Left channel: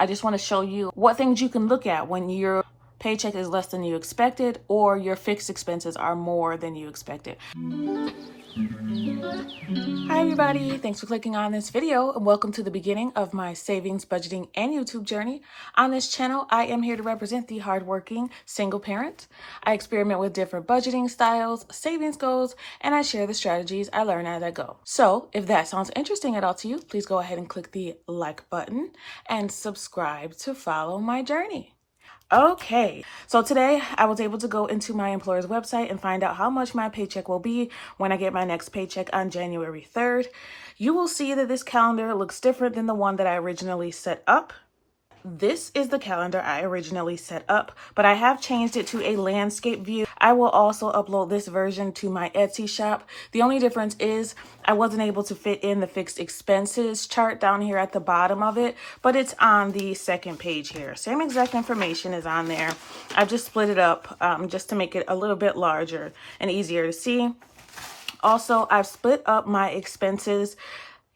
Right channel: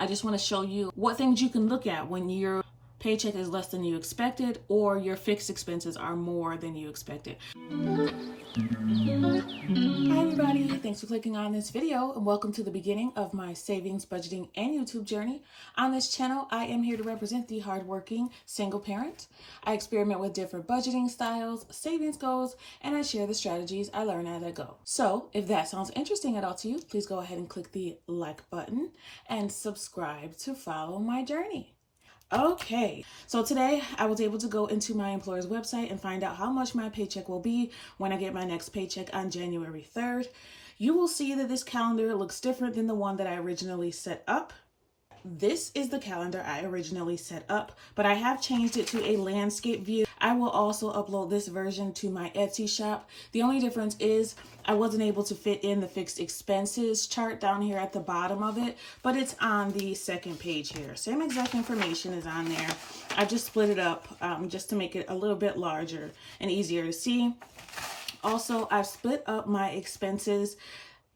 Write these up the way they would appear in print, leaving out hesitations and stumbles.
I just want to show you what things you can look at when your paycheck is less than you expected or your fixed expenses are more than you expected. Hi everybody, thanks for clicking on this video and welcome to the beginning of my savings, budgeting, and YouTube journey. On this channel, I am here to represent the hardworking single parent. I experiment with different budgeting styles, savings goals, and I share the strategies I learn as I go. So if that sounds interesting at all to you, please go ahead and click the like button and subscribe to follow my journey. Okay, so today I was able to go into my employer's website and find out how much my paycheck will be when I get my next paycheck on January 3rd. You will see that this calendar looks different than the one that I originally set up. This is the calendar I originally set up, but I have changed it to a landscape view. I will also upload this version to my Etsy shop. The only difference is I wasn't able to fit in the fixed expenses chart down here at the bottom of it, but it's on the second page here. Same exact information is on there. I've just split it up just to make it a little bit larger and easier to see. Also, I've split up my expenses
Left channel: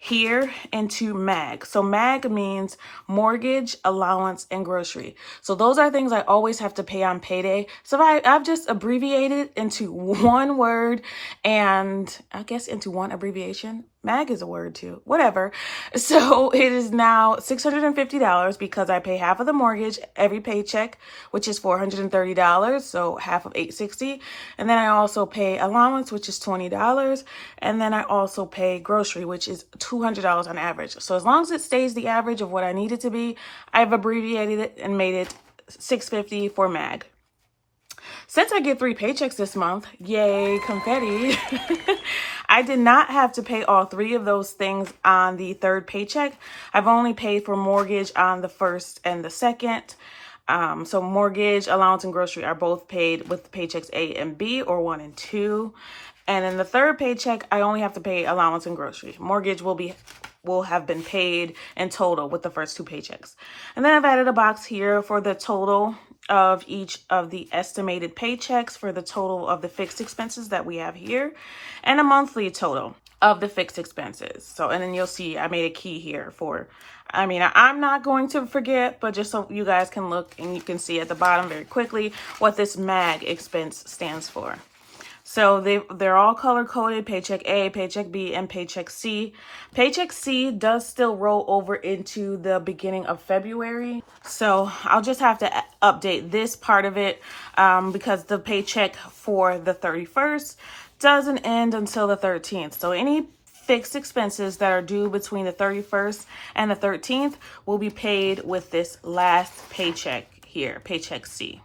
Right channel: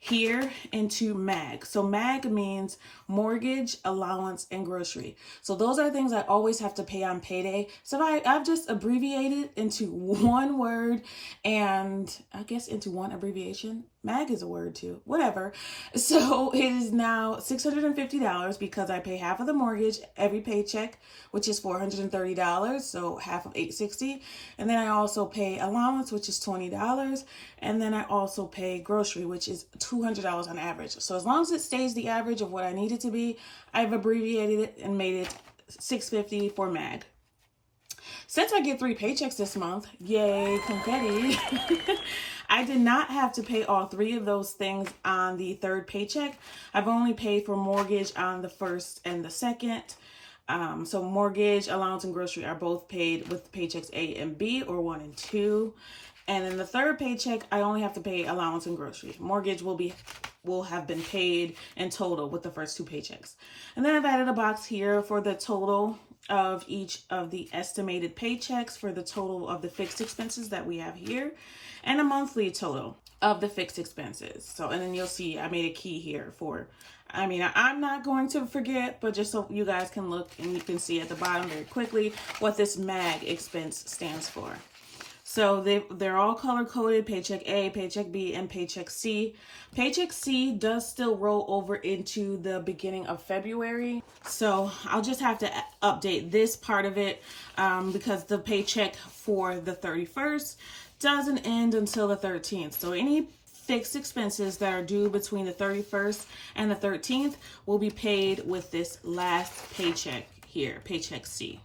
here into MAG. So MAG means mortgage, allowance, and grocery. So those are things I always have to pay on payday. So I've just abbreviated into one word and I guess into one abbreviation. MAG is a word too, whatever. So it is now $650 because I pay half of the mortgage every paycheck, which is $430. So half of $860. And then I also pay allowance, which is $20. And then I also pay grocery, which is $200 on average. So as long as it stays the average of what I need it to be, I've abbreviated it and made it $650 for MAG. Since I get 3 paychecks this month, yay, confetti, I did not have to pay all 3 of those things on the 3rd paycheck. I've only paid for mortgage on the 1st and the 2nd. So mortgage, allowance, and grocery are both paid with paychecks A and B or 1 and 2. And in the 3rd paycheck, I only have to pay allowance and grocery. Mortgage will have been paid in total with the first 2 paychecks. And then I've added a box here for the total of each of the estimated paychecks for the total of the fixed expenses that we have here and a monthly total of the fixed expenses. So, and then you'll see I made a key here for, I'm not going to forget, but just so you guys can look and you can see at the bottom very quickly what this MAG expense stands for. So they're all color-coded, Paycheck A, Paycheck B, and Paycheck C. Paycheck C does still roll over into the beginning of February. So I'll just have to update this part of it because the paycheck for the 31st doesn't end until the 13th. So any fixed expenses that are due between the 31st and the 13th will be paid with this last paycheck here, Paycheck C.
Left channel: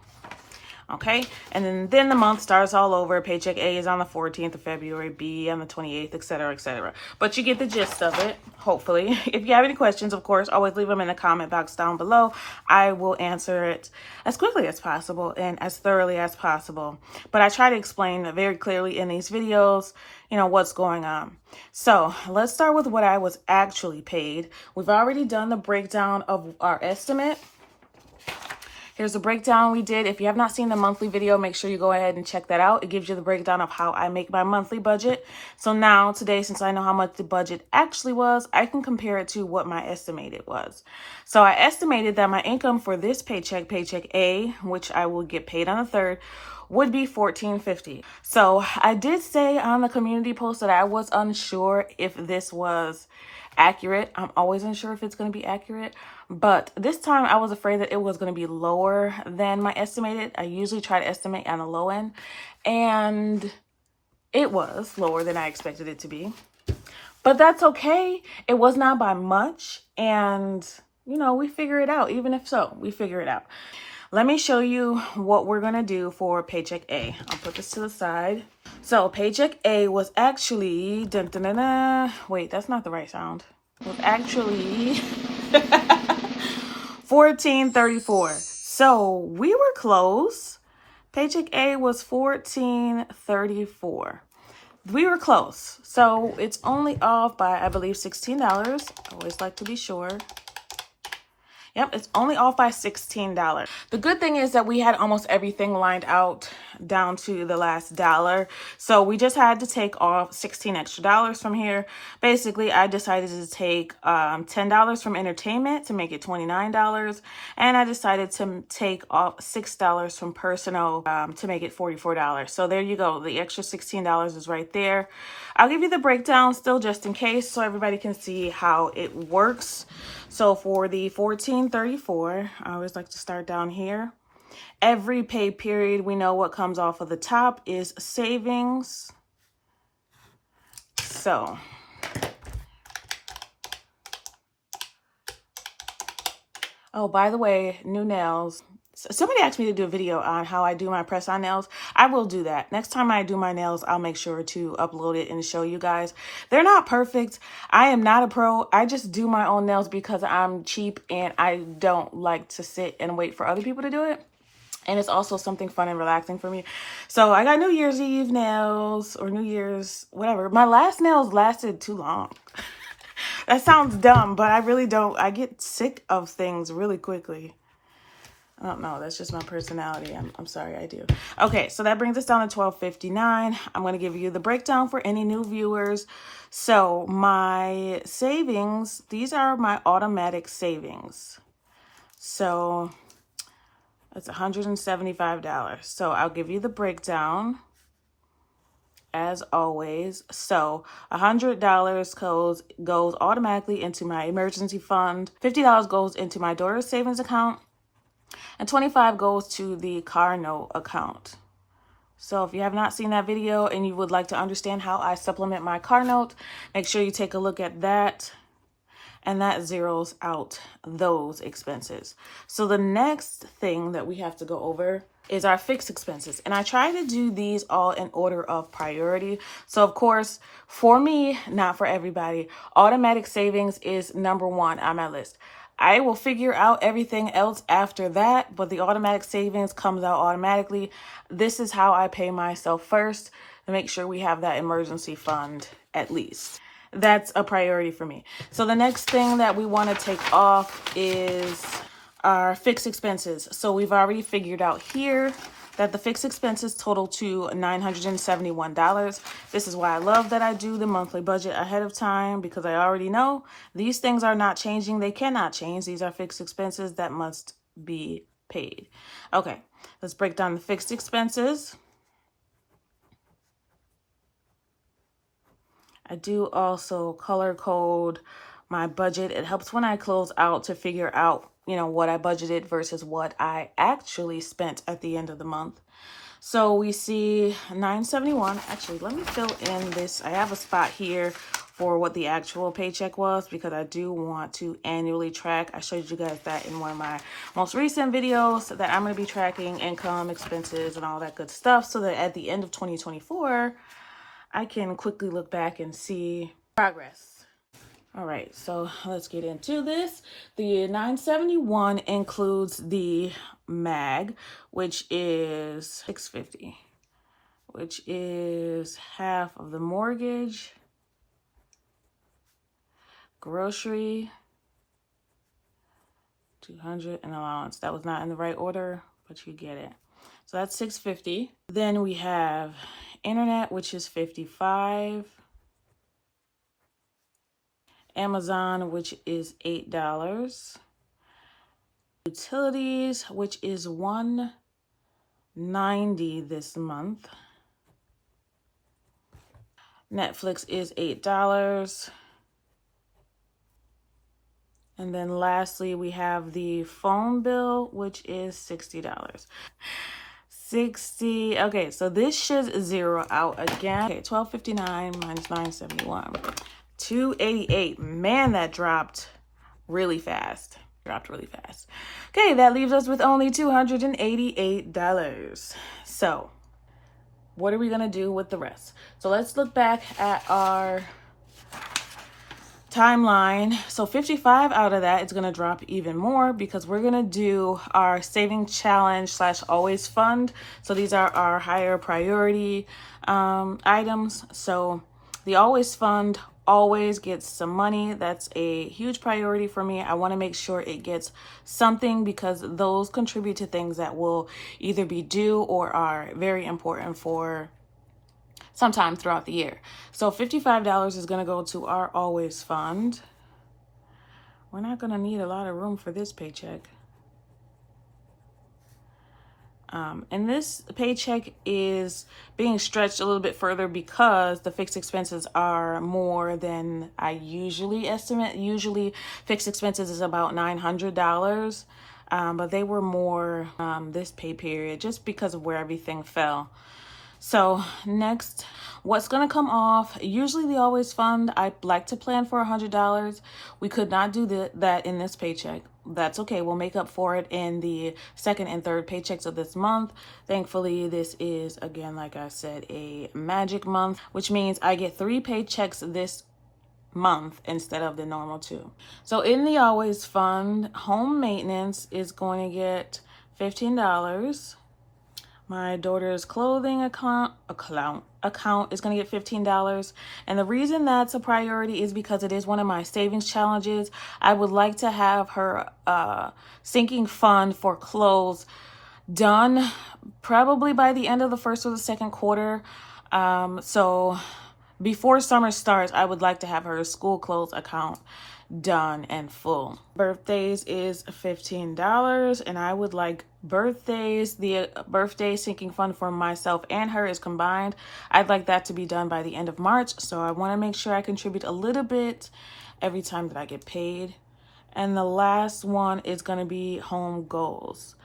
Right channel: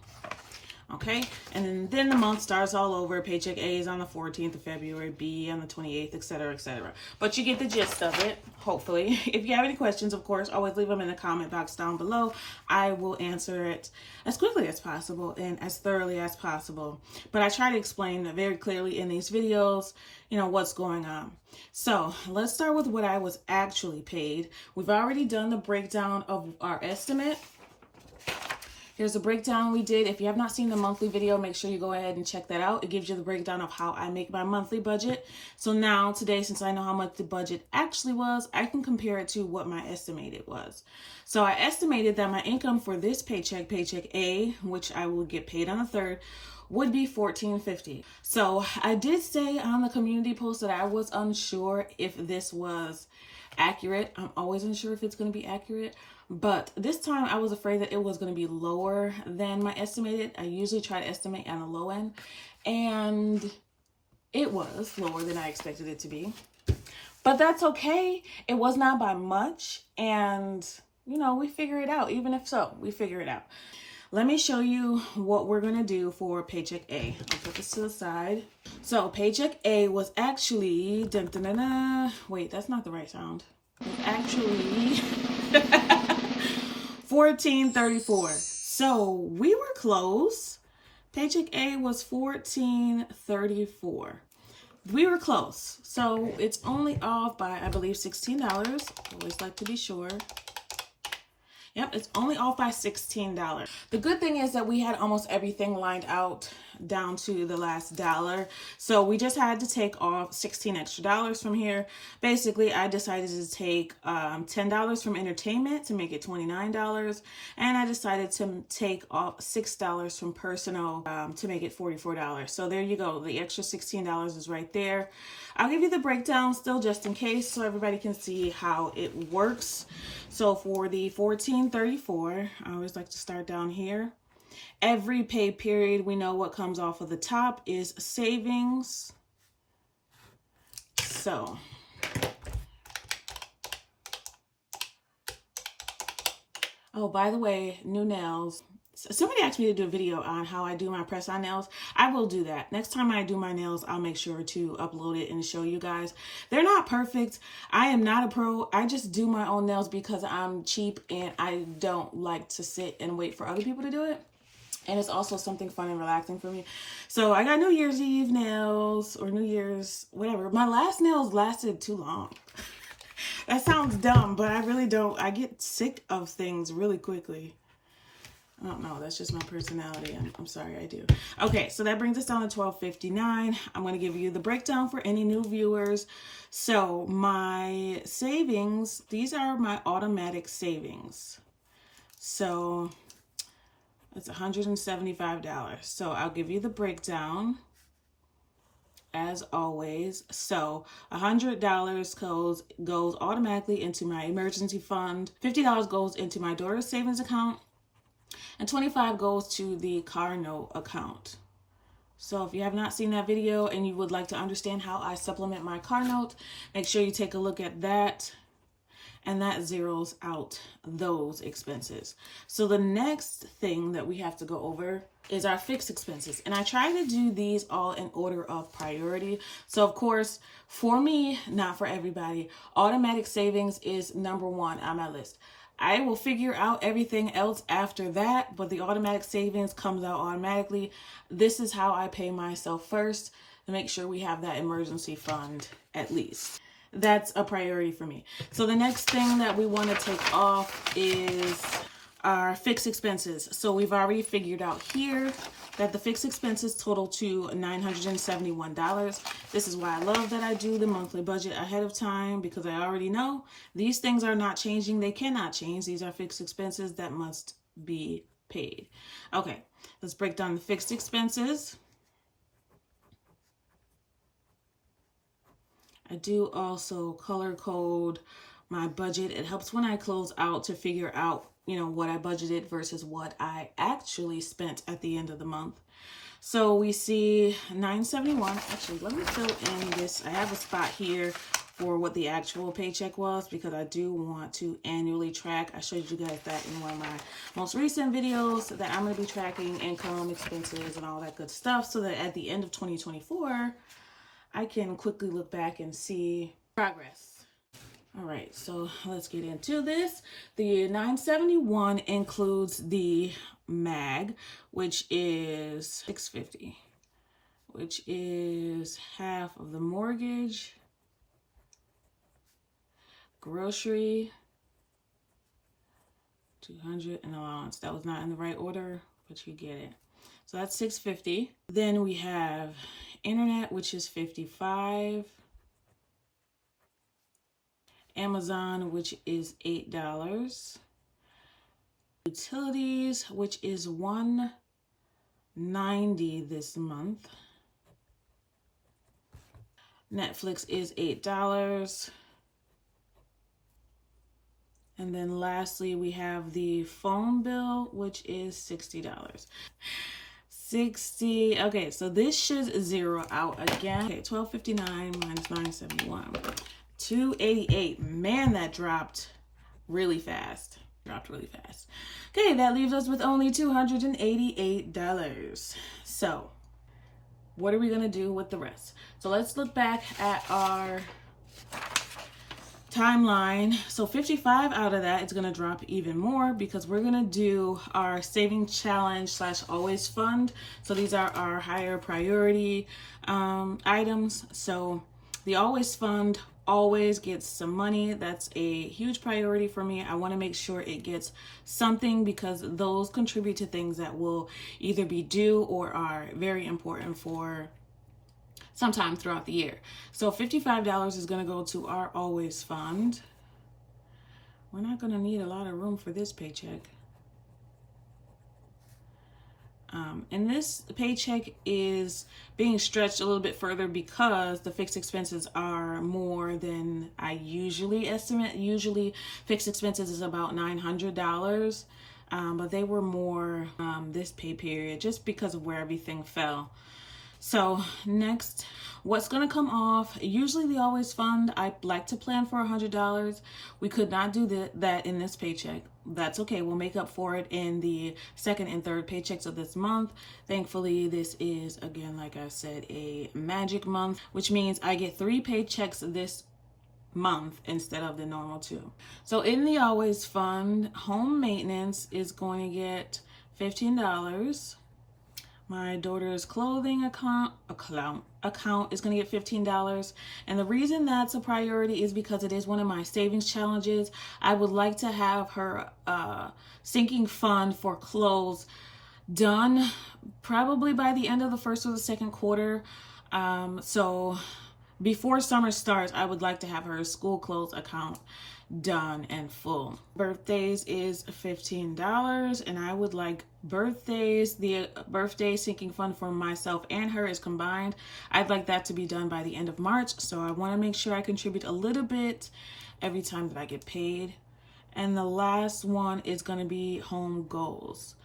Okay, and then the month starts all over. Paycheck A is on the 14th of February, B on the 28th, etc., etc. But you get the gist of it, hopefully. If you have any questions, of course, always leave them in the comment box down below. I will answer it as quickly as possible and as thoroughly as possible. But I try to explain very clearly in these videos, what's going on. So let's start with what I was actually paid. We've already done the breakdown of our estimate. Here's the breakdown we did. If you have not seen the monthly video, make sure you go ahead and check that out. It gives you the breakdown of how I make my monthly budget. So now today, since I know how much the budget actually was, I can compare it to what my estimated was. So I estimated that my income for this paycheck, Paycheck A, which I will get paid on the 3rd, would be $1,450. So I did say on the community post that I was unsure if this was accurate. I'm always unsure if it's going to be accurate. But this time I was afraid that it was going to be lower than my estimated. I usually try to estimate on the low end. And it was lower than I expected it to be. But that's okay. It was not by much. And, we figure it out. Even if so, we figure it out. Let me show you what we're going to do for Paycheck A. I'll put this to the side. So Paycheck A was actually, wait, that's not the right sound. It was actually $1,434. So we were close. Paycheck A was $1,434. We were close. So it's only off by, I believe, $16. I always like to be sure. Yep, it's only off by $16. The good thing is that we had almost everything lined out down to the last dollar. So we just had to take off $16 extra from here. Basically, I decided to take $10 from entertainment to make it $29. And I decided to take off $6 from personal to make it $44. So there you go. The extra $16 is right there. I'll give you the breakdown still just in case so everybody can see how it works. So for the $14.34, I always like to start down here. Every pay period, we know what comes off of the top is savings. So oh, by the way, new nails. Somebody asked me to do a video on how I do my press-on nails. I will do that. Next time I do my nails, I'll make sure to upload it and show you guys. They're not perfect. I am not a pro. I just do my own nails because I'm cheap and I don't like to sit and wait for other people to do it. And it's also something fun and relaxing for me. So I got New Year's Eve nails or New Year's, whatever. My last nails lasted too long. That sounds dumb, but I really don't. I get sick of things really quickly. I don't know. That's just my personality. I'm sorry, I do. Okay, so that brings us down to $12.59. I'm going to give you the breakdown for any new viewers. So my savings, these are my automatic savings. So that's $175. So I'll give you the breakdown as always. So $100 goes automatically into my emergency fund. $50 goes into my daughter's savings account. And $25 goes to the car note account. So if you have not seen that video and you would like to understand how I supplement my car note, make sure you take a look at that. And that zeroes out those expenses. So the next thing that we have to go over is our fixed expenses. And I try to do these all in order of priority. So of course, for me, not for everybody, automatic savings is number one on my list. I will figure out everything else after that, but the automatic savings comes out automatically. This is how I pay myself first to make sure we have that emergency fund at least. That's a priority for me. So the next thing that we want to take off is our fixed expenses. So we've already figured out here that the fixed expenses total to $971. This is why I love that I do the monthly budget ahead of time, because I already know these things are not changing. They cannot change. These are fixed expenses that must be paid. Okay, let's break down the fixed expenses. I do also color code my budget. It helps when I close out to figure out, what I budgeted versus what I actually spent at the end of the month. So we see $971. Actually, let me fill in this. I have a spot here for what the actual paycheck was because I do want to annually track. I showed you guys that in one of my most recent videos that I'm going to be tracking income, expenses, and all that good stuff so that at the end of 2024, I can quickly look back and see progress. All right, so let's get into this. The $971 includes the MAG, which is $650, which is half of the mortgage, grocery, $200, and allowance. That was not in the right order, but you get it. So that's $650. Then we have internet, which is $55. Amazon, which is $8. Utilities, which is $190 this month. Netflix is $8. And then lastly, we have the phone bill, which is $60. Okay, so this should zero out again. Okay, $12.59 minus $971. $288. Man, that dropped really fast. Okay, that leaves us with only $288. So what are we gonna do with the rest? So let's look back at our timeline. So 55 out of that is gonna drop even more because we're gonna do our saving challenge / always fund. So these are our higher priority items. So the always fund always gets some money. That's a huge priority for me. I want to make sure it gets something because those contribute to things that will either be due or are very important for sometime throughout the year. So $55 is going to go to our always fund. We're not going to need a lot of room for this paycheck. And this paycheck is being stretched a little bit further because the fixed expenses are more than I usually estimate. Usually fixed expenses is about $900, but they were more this pay period just because of where everything fell. So next, what's going to come off? Usually the always fund, I like to plan for $100. We could not do that in this paycheck. That's okay. We'll make up for it in the second and third paychecks of this month. Thankfully, this is, again, like I said, a magic month, which means I get 3 paychecks this month instead of the normal 2. So in the always fund, home maintenance is going to get $15. My daughter's clothing account is going to get $15. And the reason that's a priority is because it is one of my savings challenges. I would like to have her sinking fund for clothes done probably by the end of the first or the second quarter. So before summer starts, I would like to have her school clothes account done and full. Birthdays is $15, and I would like the birthday sinking fund for myself and her is combined. I'd like that to be done by the end of March, so I want to make sure I contribute a little bit every time that I get paid. And the last one is going to be home goals.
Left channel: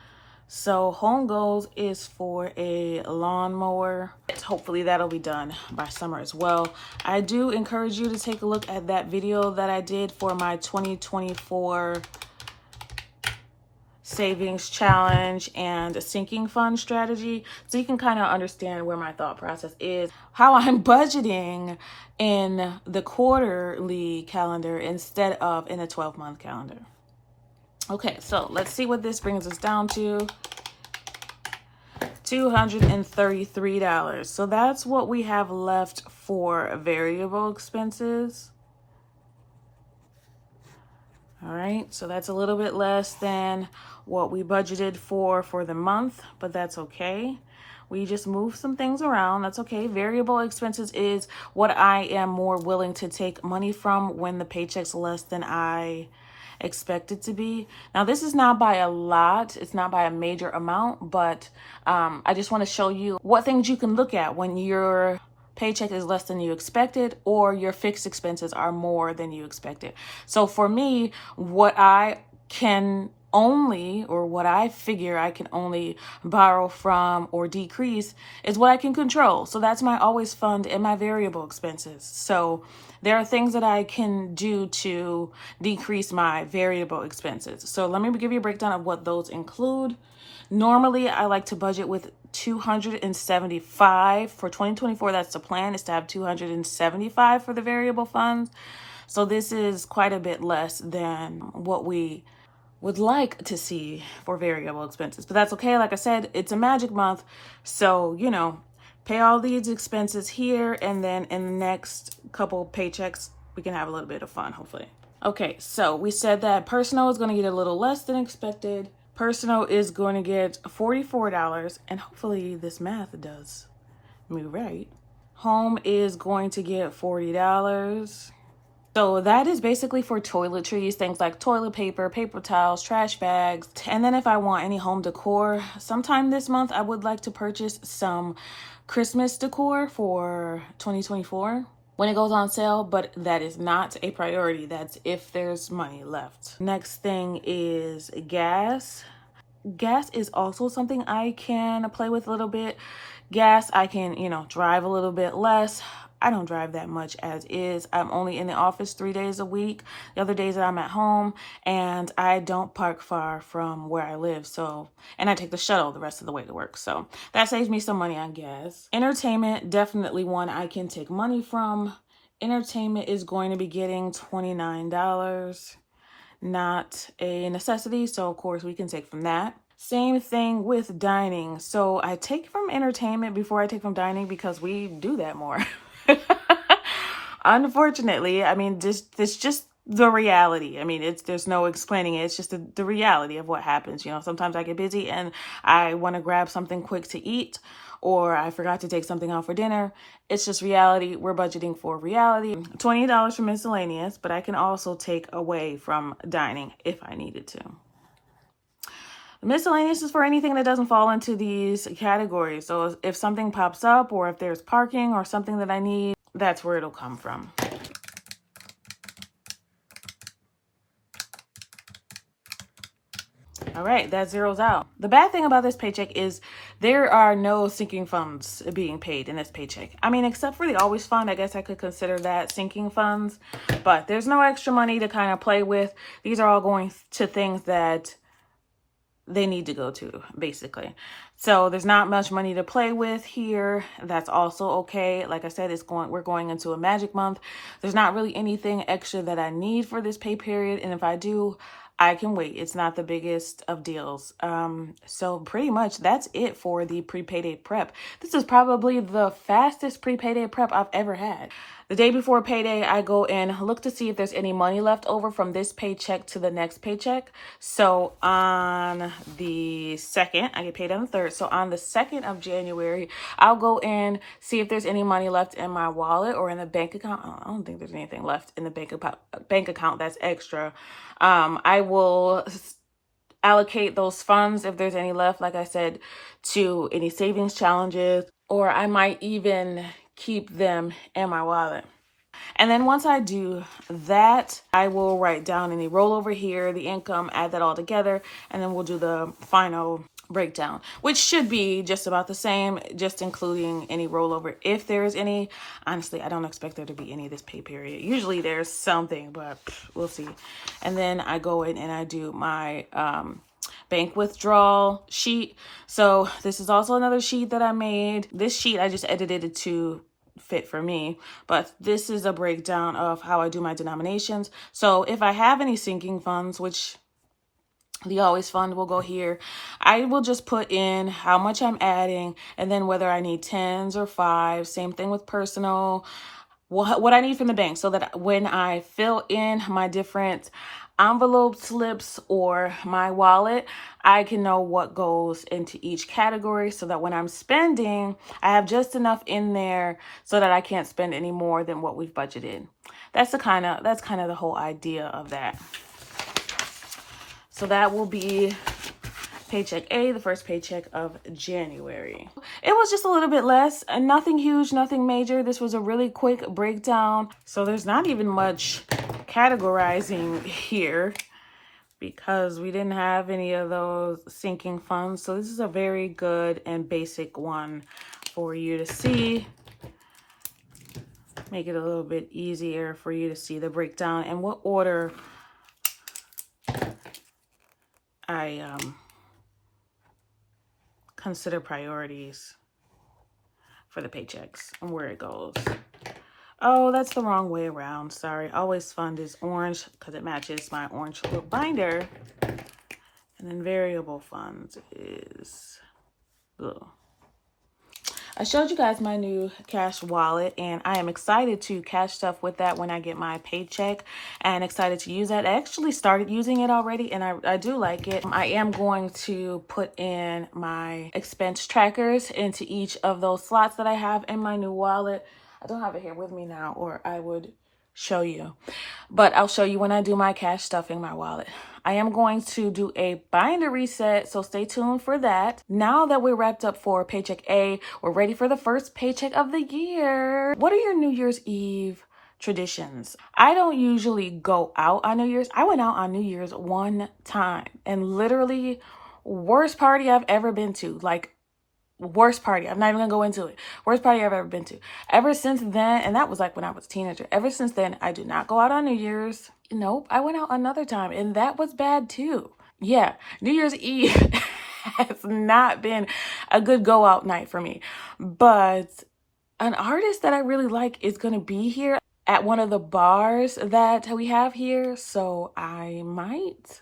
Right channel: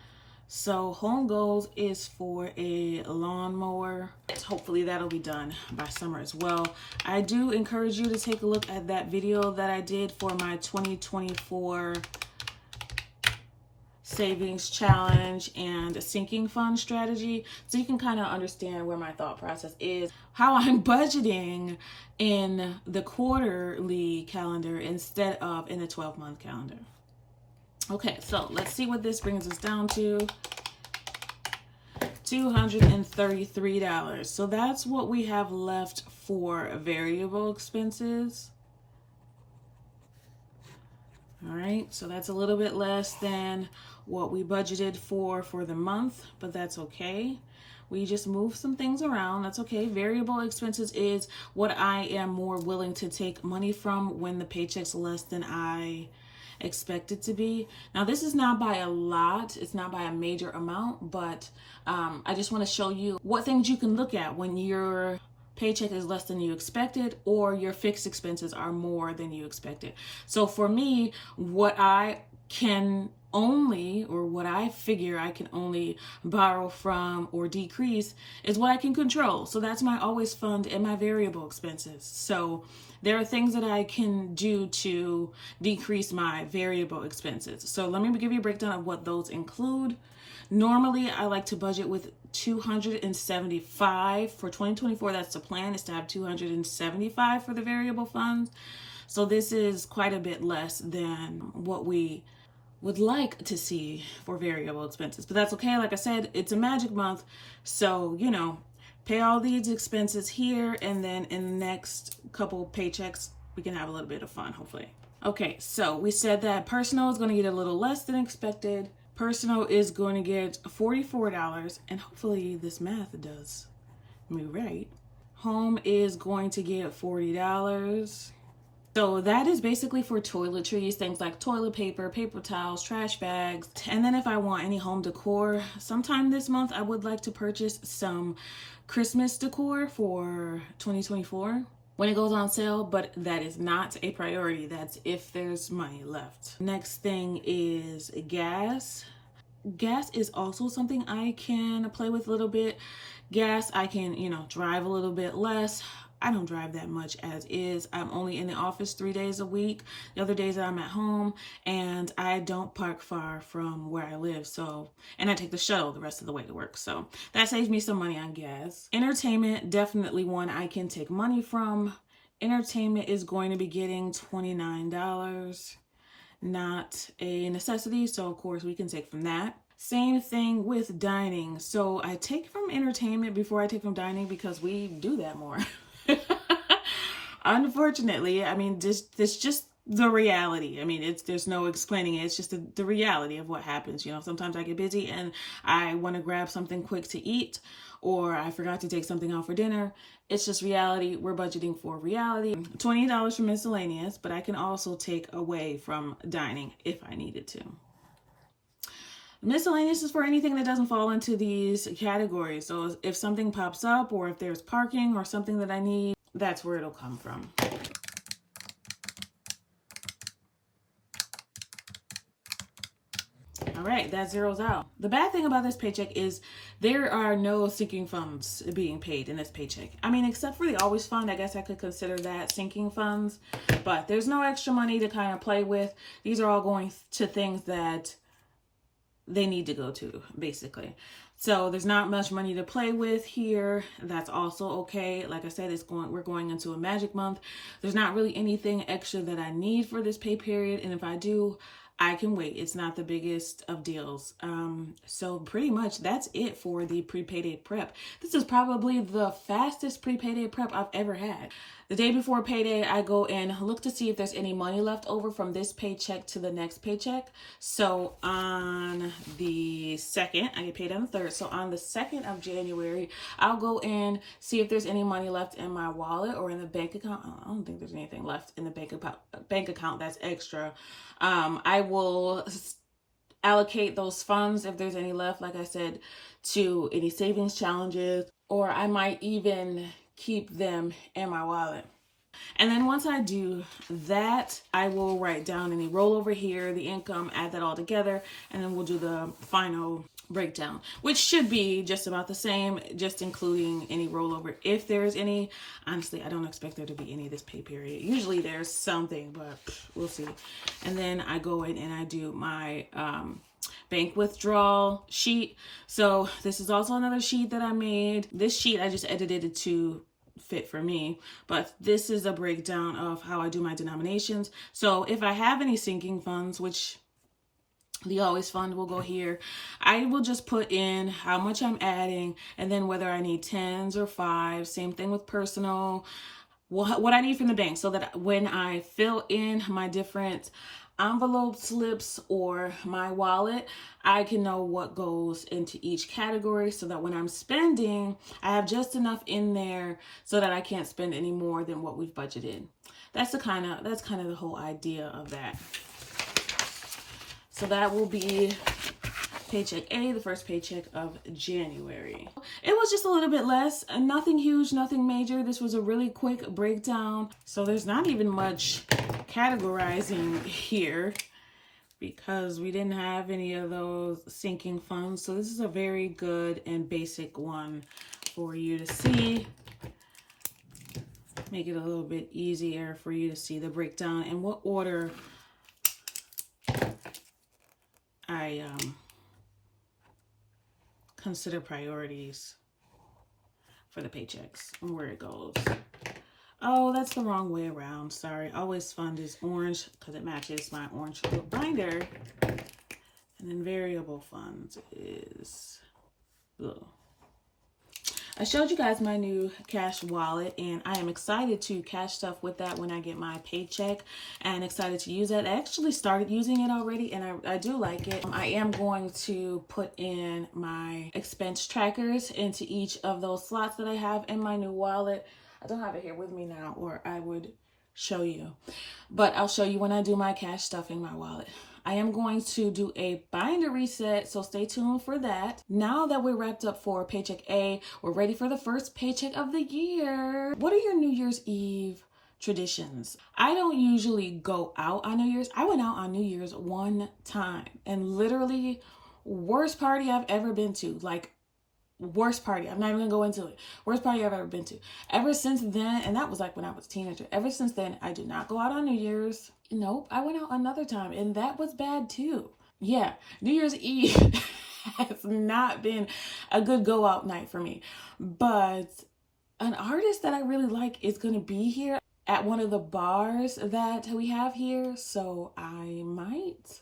So home goals is for a lawnmower. Hopefully that'll be done by summer as well. I do encourage you to take a look at that video that I did for my 2024 savings challenge and sinking fund strategy, so you can kind of understand where my thought process is, how I'm budgeting in the quarterly calendar instead of in a 12-month calendar. Okay, so let's see what this brings us down to. $233. So that's what we have left for variable expenses. All right, so that's a little bit less than what we budgeted for the month, but that's okay. We just move some things around. That's okay. Variable expenses is what I am more willing to take money from when the paycheck's less than I expect it to be. Now, this is not by a lot. It's not by a major amount, but I just want to show you what things you can look at when your paycheck is less than you expected or your fixed expenses are more than you expected. So for me, what I can only, or what I figure I can only borrow from or decrease is what I can control. So that's my always fund and my variable expenses. So there are things that I can do to decrease my variable expenses. So let me give you a breakdown of what those include. Normally, I like to budget with $275 for 2024. That's the plan, is to have $275 for the variable funds. So this is quite a bit less than what we would like to see for variable expenses, but that's okay. Like I said, it's a magic month. So, you know, pay all these expenses here, and then in the next couple paychecks, we can have a little bit of fun, hopefully. Okay, so we said that personal is going to get a little less than expected. Personal is going to get $44, and hopefully this math does me right. Home is going to get $40. So that is basically for toiletries, things like toilet paper, paper towels, trash bags. And then if I want any home decor, sometime this month, I would like to purchase some Christmas decor for 2024 when it goes on sale, but that is not a priority. That's if there's money left. Next thing is gas. Gas is also something I can play with a little bit. Gas, I can, drive a little bit less. I don't drive that much as is. I'm only in the office 3 days a week. The other days that I'm at home, and I don't park far from where I live. So, and I take the shuttle the rest of the way to work. So that saves me some money on gas. Entertainment, definitely one I can take money from. Entertainment is going to be getting $29. Not a necessity. So of course we can take from that. Same thing with dining. So I take from entertainment before I take from dining because we do that more. Unfortunately, I mean, this just the reality. I mean, there's no explaining it. It's just the reality of what happens. You know, sometimes I get busy and I want to grab something quick to eat, or I forgot to take something out for dinner. It's just reality. We're budgeting for reality. $20 for miscellaneous, but I can also take away from dining if I needed to. Miscellaneous is for anything that doesn't fall into these categories. So if something pops up, or if there's parking or something that I need, that's where it'll come from. All right, that zeroes out. The bad thing about this paycheck is there are no sinking funds being paid in this paycheck. I mean, except for the always fund, I guess I could consider that sinking funds, but there's no extra money to kind of play with. These are all going to things that they need to go to, basically. So there's not much money to play with here. That's also okay. Like I said, we're going into a magic month. There's not really anything extra that I need for this pay period, and if I do, I can wait. It's not the biggest of deals. So pretty much that's it for the pre-payday prep. This is probably the fastest pre-payday prep I've ever had. The day before payday, I go and look to see if there's any money left over from this paycheck to the next paycheck. So on the 2nd, I get paid on the 3rd. So on the 2nd of January, I'll go and see if there's any money left in my wallet or in the bank account. I don't think there's anything left in the bank account that's extra. I will allocate those funds, if there's any left, like I said, to any savings challenges, or I might even keep them in my wallet. And then once I do that, I will write down any rollover here, the income, add that all together, and then we'll do the final breakdown, which should be just about the same, just including any rollover if there's any. Honestly, I don't expect there to be any this pay period. Usually there's something, but we'll see. And then I go in and I do my bank withdrawal sheet. So this is also another sheet that I made. This sheet I just edited it to fit for me, but this is a breakdown of how I do my denominations. So if I have any sinking funds, which the always fund will go here, I will just put in how much I'm adding, and then whether I need 10s or 5s. Same thing with personal, what I need from the bank, so that when I fill in my different envelope slips or my wallet, I can know what goes into each category, so that when I'm spending, I have just enough in there so that I can't spend any more than what we've budgeted. That's kind of the whole idea of that. So that will be paycheck A, the first paycheck of January. It was just a little bit less, and nothing huge, nothing major. This was a really quick breakdown. So there's not even much categorizing here because we didn't have any of those sinking funds. So this is a very good and basic one for you to see. Make it a little bit easier for you to see the breakdown and what order I consider priorities for the paychecks and where it goes. Oh, that's the wrong way around. Sorry. Always fund is orange because it matches my orange little binder. And then variable funds is blue. I showed you guys my new cash wallet, and I am excited to cash stuff with that when I get my paycheck, and excited to use that. I actually started using it already, and I do like it. I am going to put in my expense trackers into each of those slots that I have in my new wallet. I don't have it here with me now, or I would show you, but I'll show you when I do my cash stuff in my wallet. I am going to do a binder reset, so stay tuned for that. Now that we're wrapped up for paycheck A, we're ready for the first paycheck of the year. What are your New Year's Eve traditions? I don't usually go out on New Year's. I went out on New Year's one time, and literally worst party I've ever been to. Like, worst party. I'm not even gonna go into it. Worst party I've ever been to. Ever since then, and that was like when I was a teenager. Ever since then, I do not go out on New Year's. Nope, I went out another time, and that was bad too. Yeah, New Year's Eve has not been a good go out night for me. But an artist that I really like is gonna be here at one of the bars that we have here. So I might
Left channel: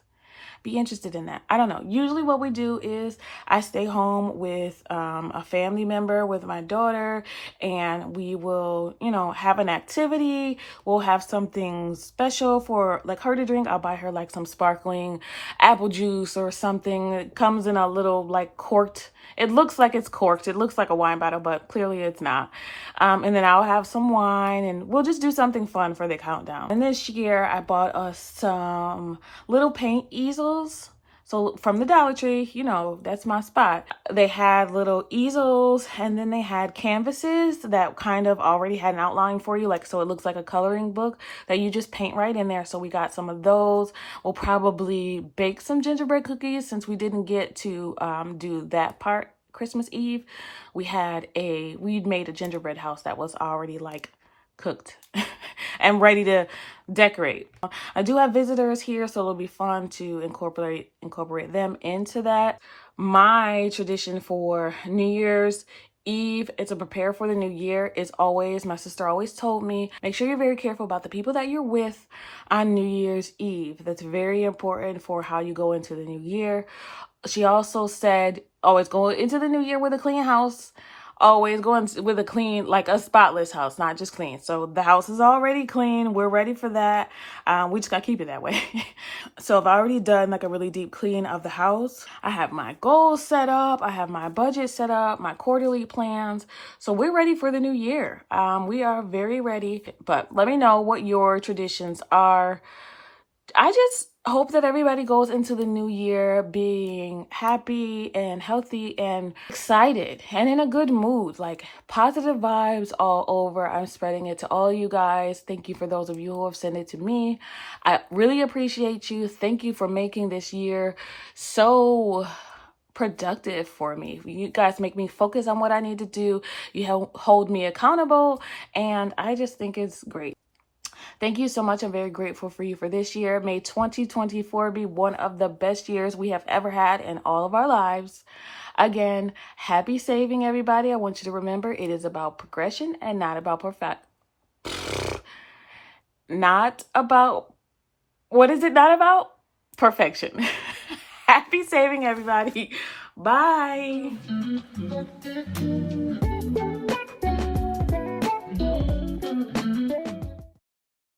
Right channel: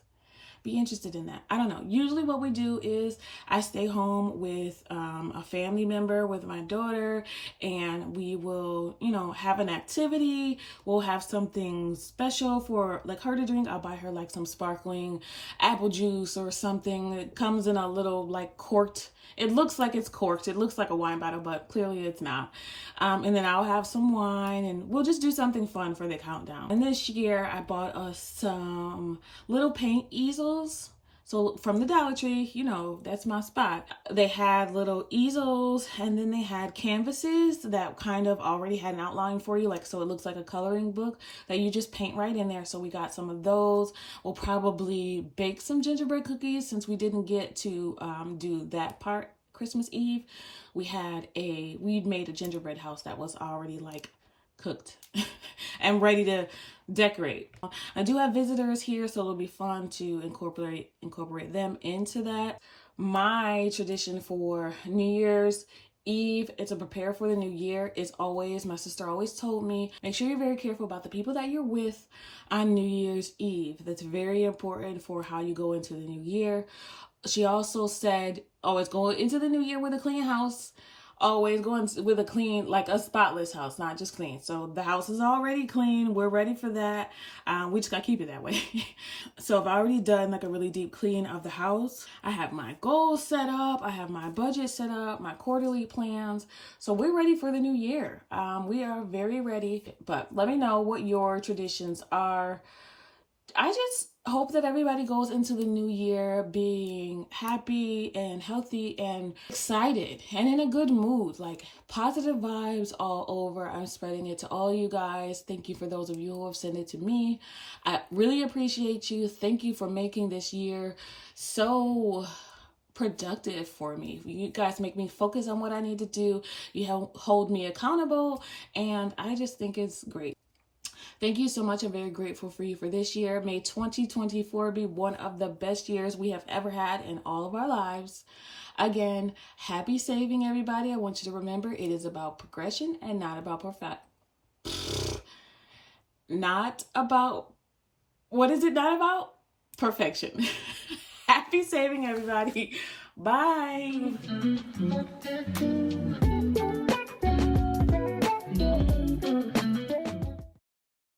be interested in that. I don't know. Usually what we do is I stay home with a family member, with my daughter, and we will, you know, have an activity. We'll have something special for like her to drink. I'll buy her like some sparkling apple juice or something. It comes in a little like corked. It looks like it's corked. It looks like a wine bottle, but clearly it's not. And then I'll have some wine and we'll just do something fun for the countdown. And this year I bought us some little paint easels. So from the Dollar Tree, you know, that's my spot. They had little easels and then they had canvases that kind of already had an outline for you. Like, so it looks like a coloring book that you just paint right in there. So we got some of those. We'll probably bake some gingerbread cookies since we didn't get to do that part Christmas Eve. We'd made a gingerbread house that was already like cooked and ready to decorate. I do have visitors here, so it'll be fun to incorporate them into that. My tradition for New Year's Eve, it's a prepare for the new year, is always, my sister always told me, make sure you're very careful about the people that you're with on New Year's Eve. That's very important for how you go into the new year. She also said, always go into the new year with a clean house. Always going with a clean, like a spotless house, not just clean. So the house is already clean. We're ready for that. We just gotta keep it that way. So I've already done like a really deep clean of the house. I have my goals set up. I have my budget set up, my quarterly plans. So we're ready for the new year. We are very ready, but let me know what your traditions are. I just hope that everybody goes into the new year being happy and healthy and excited and in a good mood, like positive vibes all over. I'm spreading it to all you guys. Thank you for those of you who have sent it to me. I really appreciate you. Thank you for making this year so productive for me. You guys make me focus on what I need to do. You hold me accountable, and I just think it's great. Thank you so much. I'm very grateful for you for this year. May 2024 be one of the best years we have ever had in all of our lives. Again, happy saving, everybody. I want you to remember it is about progression and not about not about, what is it not about? Perfection. Happy saving, everybody. Bye.